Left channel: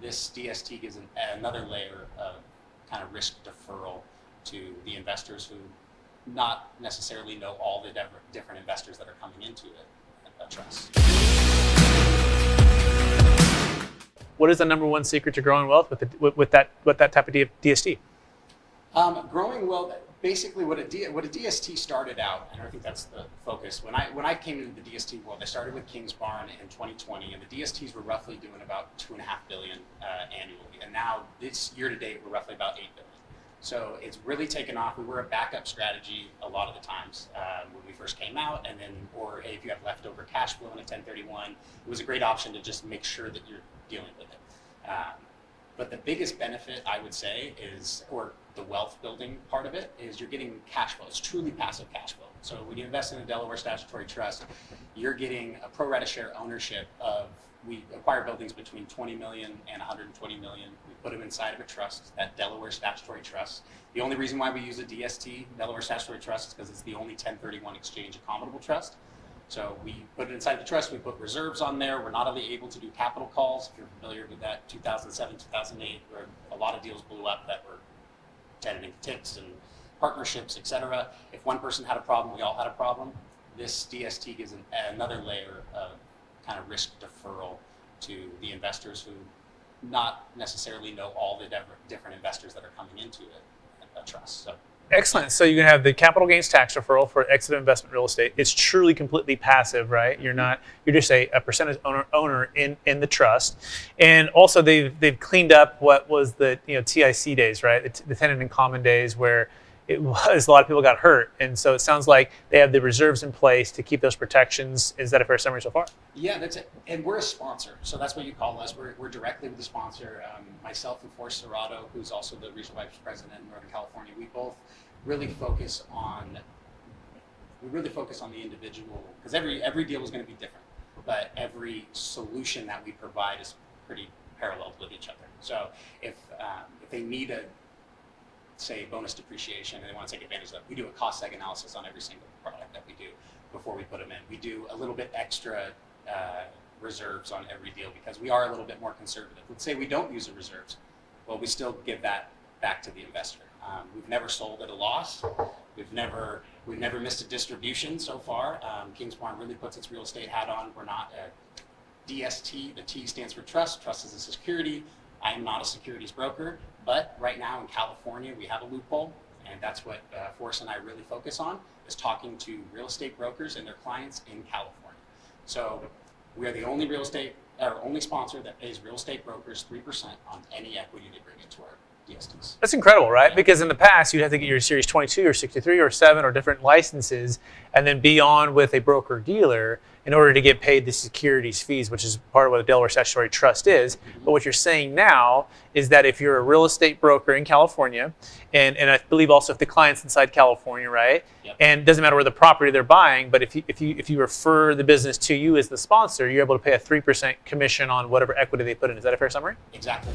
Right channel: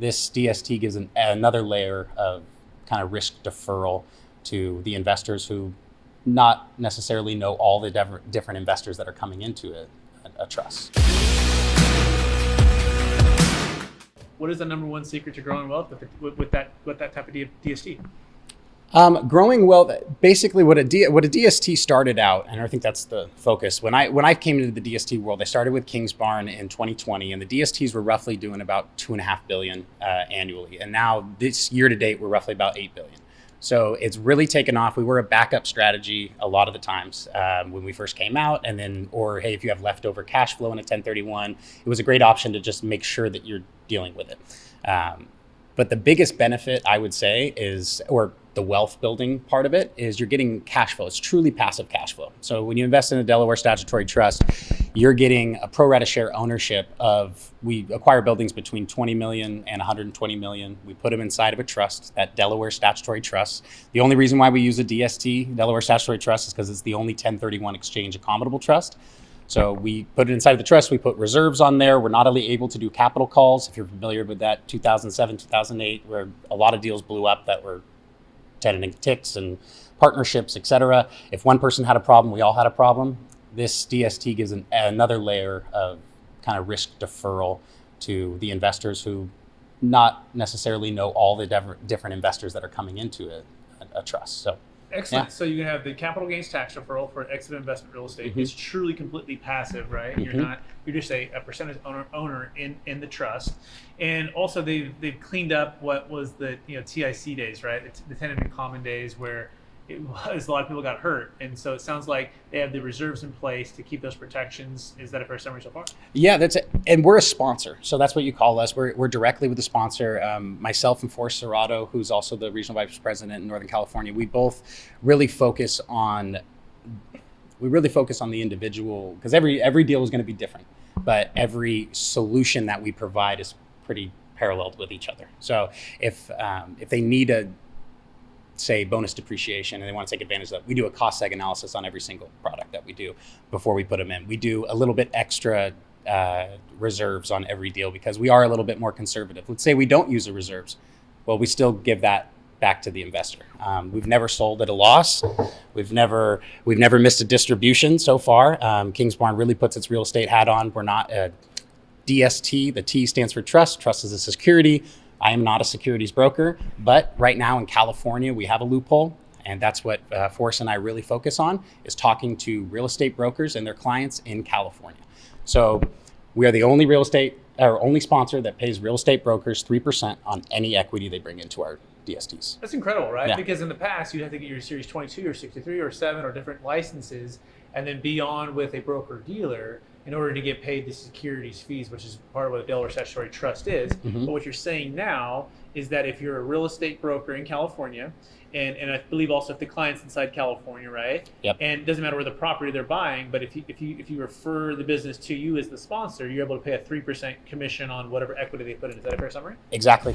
This DST gives another layer of kind of risk deferral to the investors who not necessarily know all the different investors that are coming into a trust. What is the number one secret to growing wealth with that type of DST? Growing wealth, basically what a DST started out, and I think that's the focus. When I came into the DST world, I started with Kingsbarn in 2020, and the DSTs were roughly doing about $2.5 billion annually. And now this year to date, we're roughly about $8 billion. So it's really taken off. We were a backup strategy a lot of the times when we first came out, and then, or hey, if you have leftover cash flow in a 1031, it was a great option to just make sure that you're dealing with it. But the biggest benefit, I would say, is, or the wealth building part of it, is you're getting cash flow. It's truly passive cash flow. So when you invest in a Delaware Statutory Trust, you're getting a pro rata share ownership of, we acquire buildings between 20 million and 120 million. We put them inside of a trust, that Delaware Statutory Trust. The only reason why we use a DST, Delaware Statutory Trust, is because it's the only 1031 exchange accommodable trust. So we put it inside of the trust, we put reserves on there. We're not only able to do capital calls, if you're familiar with that 2007, 2008, where a lot of deals blew up that were tenant ticks and partnerships, et cetera. If one person had a problem, we all had a problem. This DST gives another layer of kind of risk deferral to the investors who not necessarily know all the different investors that are coming into a trust. So. Excellent. Yeah. So you can have the capital gains tax deferral for exit investment real estate. Mm-hmm. It's truly completely passive, right? Mm-hmm. You're just a percentage owner in the trust. And also they've cleaned up what was the TIC days, right? The tenant in common days where it was a lot of people got hurt. And so it sounds like they have the reserves in place to keep those protections. Is that a fair summary so far? Yeah, that's it. And we're a sponsor. So that's what you call us. We're directly with the sponsor. Myself and Forrest Serrato, who's also the regional vice president in Northern California, we both really focus on the individual, because every deal is going to be different, but every solution that we provide is pretty paralleled with each other. So if they need a, say, bonus depreciation and they want to take advantage of that, we do a cost seg analysis on every single product that we do before we put them in. We do a little bit extra reserves on every deal because we are a little bit more conservative. Let's say we don't use the reserves. Well, we still give that back to the investor. We've never sold at a loss. We've never missed a distribution so far. Kingsbarn really puts its real estate hat on. We're not a DST. The T stands for trust. Trust is a security. I am not a securities broker, but right now in California, we have a loophole, and that's what Forrest and I really focus on, is talking to real estate brokers and their clients in California. So we are the only sponsor that pays real estate brokers 3% on any equity they bring into our DSTs. That's incredible, right? Yeah. Because in the past, you'd have to get your Series 22 or 63 or 7 or different licenses and then be on with a broker-dealer in order to get paid the securities fees, which is part of what a Delaware Statutory Trust is. Mm-hmm. But what you're saying now is that if you're a real estate broker in California, and I believe also if the client's inside California, right? Yep. And it doesn't matter where the property they're buying, but if you refer the business to you as the sponsor, you're able to pay a 3% commission on whatever equity they put in. Is that a fair summary? Exactly.